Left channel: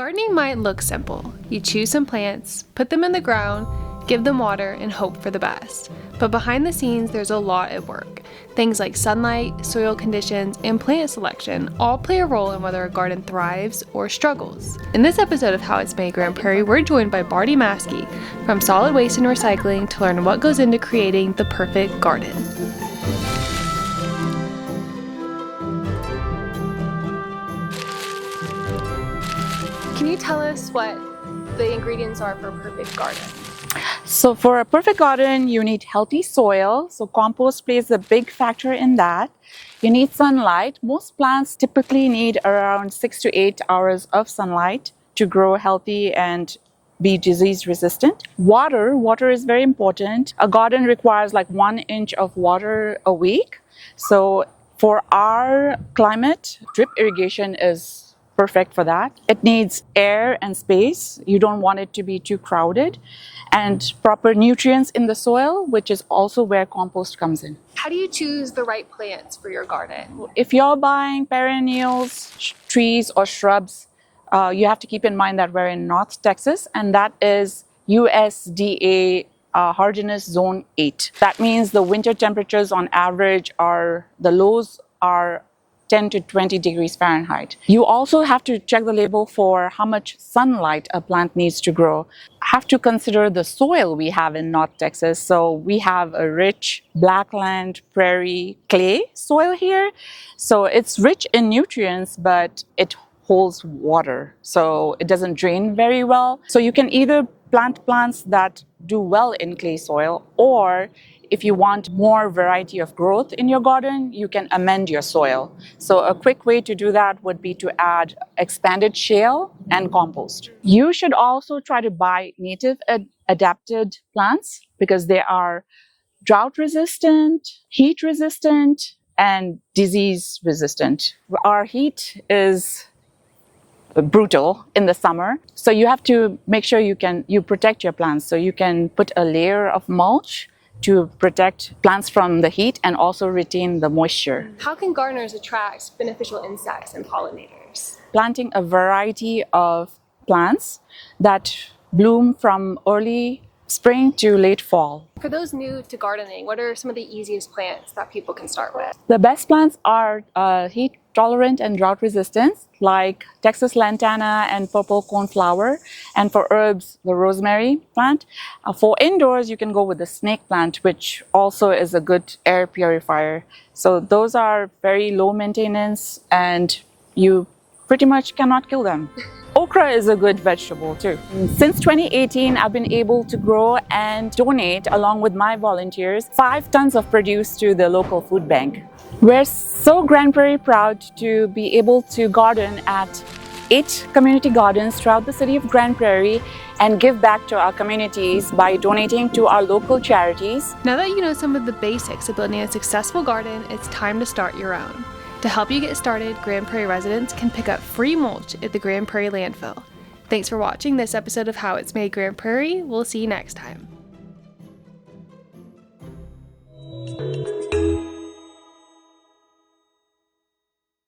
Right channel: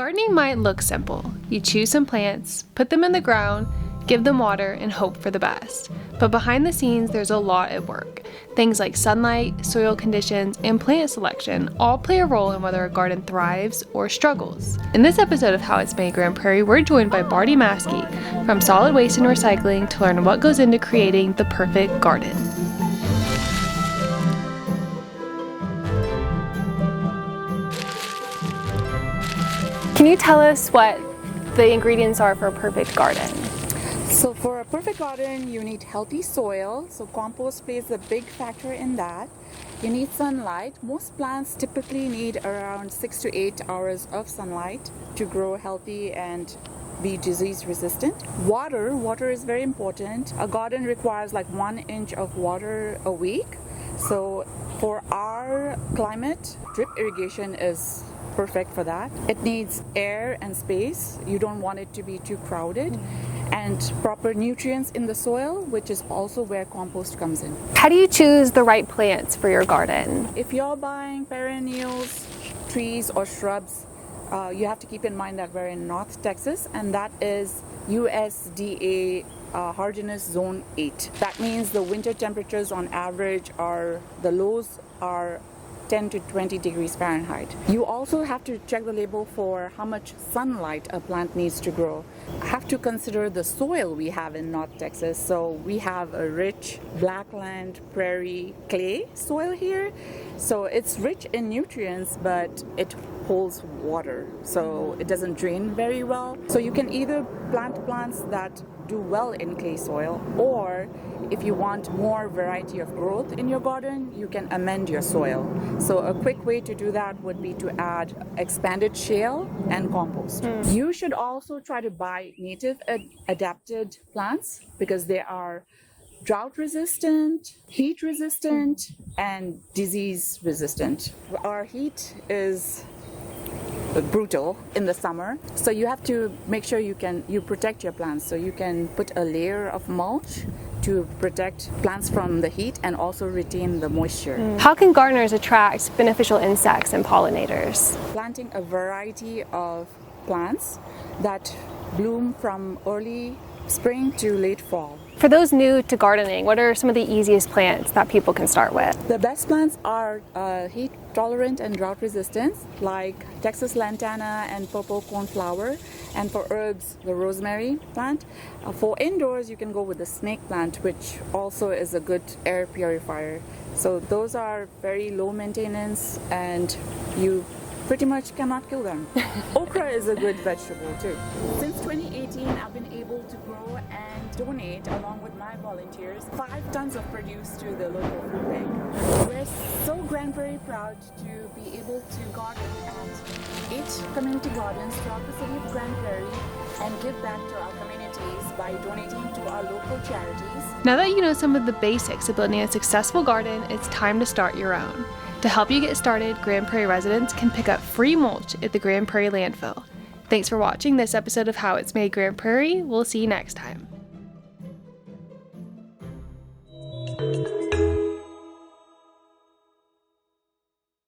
Gardening might look simple. You choose some plants, put them in the ground, give them water, and hope for the best. But behind the scenes, there's a lot at work. Things like sunlight, soil conditions, and plant selection all play a role in whether a garden thrives or struggles. In this episode of How It's Made Grand Prairie, we're joined by Barty Maskey from Solid Waste and Recycling to learn what goes into creating the perfect garden. Can you tell us what the ingredients are for a perfect garden? So for a perfect garden, you need healthy soil. So compost plays a big factor in that. You need sunlight. Most plants typically need around 6 to 8 hours of sunlight to grow healthy and be disease resistant. Water is very important. A garden requires like 1 inch of water a week. So for our climate, drip irrigation is perfect for that. It needs air and space. You don't want it to be too crowded. And proper nutrients in the soil, which is also where compost comes in. How do you choose the right plants for your garden? If you're buying perennials, trees or shrubs, you have to keep in mind that we're in North Texas, and that is USDA hardiness zone 8. That means the winter temperatures on average the lows are 10 to 20 degrees Fahrenheit. You also have to check the label for how much sunlight a plant needs to grow. Have to consider the soil we have in North Texas. So we have a rich blackland, prairie, clay soil here. So it's rich in nutrients, but it holds water, so it doesn't drain very well. So you can either plant plants that do well in clay soil, or if you want more variety of growth in your garden, you can amend your soil. So a quick way to do that would be to add expanded shale and compost. You should also try to buy native adapted plants because they are drought resistant, heat resistant, and disease resistant. Our heat is brutal in the summer, so you have to make sure you protect your plants. So you can put a layer of mulch to protect plants from the heat and also retain the moisture. How can gardeners attract beneficial insects and pollinators? Planting a variety of plants that bloom from early spring to late fall. For those new to gardening, what are some of the easiest plants that people can start with? The best plants are heat tolerant and drought resistant, like Texas lantana and purple coneflower. And for herbs, the rosemary plant. For indoors, you can go with the snake plant, which also is a good air purifier. So those are very low maintenance and you pretty much cannot kill them. Okra is a good vegetable too. Since 2018, I've been able to grow and donate, along with my volunteers, 5 tons of produce to the local food bank. We're so Grand Prairie proud to be able to garden at 8 community gardens throughout the city of Grand Prairie and give back to our communities by donating to our local charities. Now that you know some of the basics of building a successful garden, it's time to start your own. To help you get started, Grand Prairie residents can pick up free mulch at the Grand Prairie landfill. Thanks for watching this episode of How It's Made Grand Prairie. We'll see you next time.